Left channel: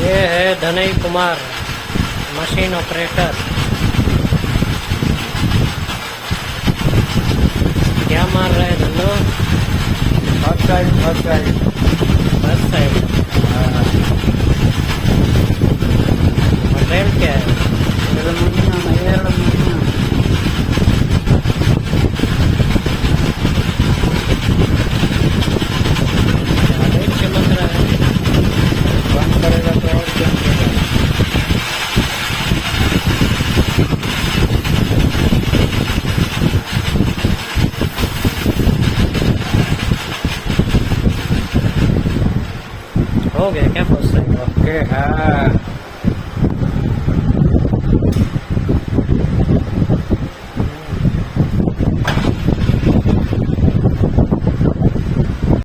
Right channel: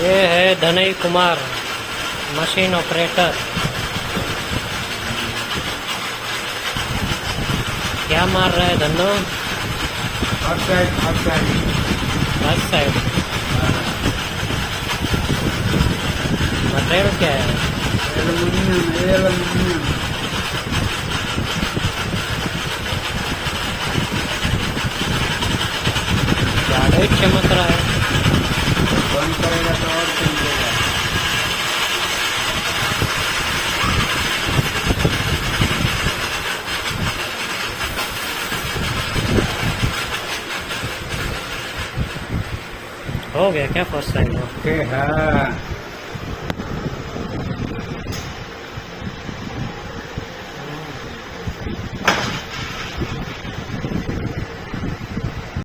ये है धनई Kumar, machine operator. क्या मार रहा है Dhanno? First side. First side. Material क्या है? ज्यादा ही चमक रहा है। कम करेगा तो और कम करेगा। हो गया क्या फर्स्ट साइड है? हाँ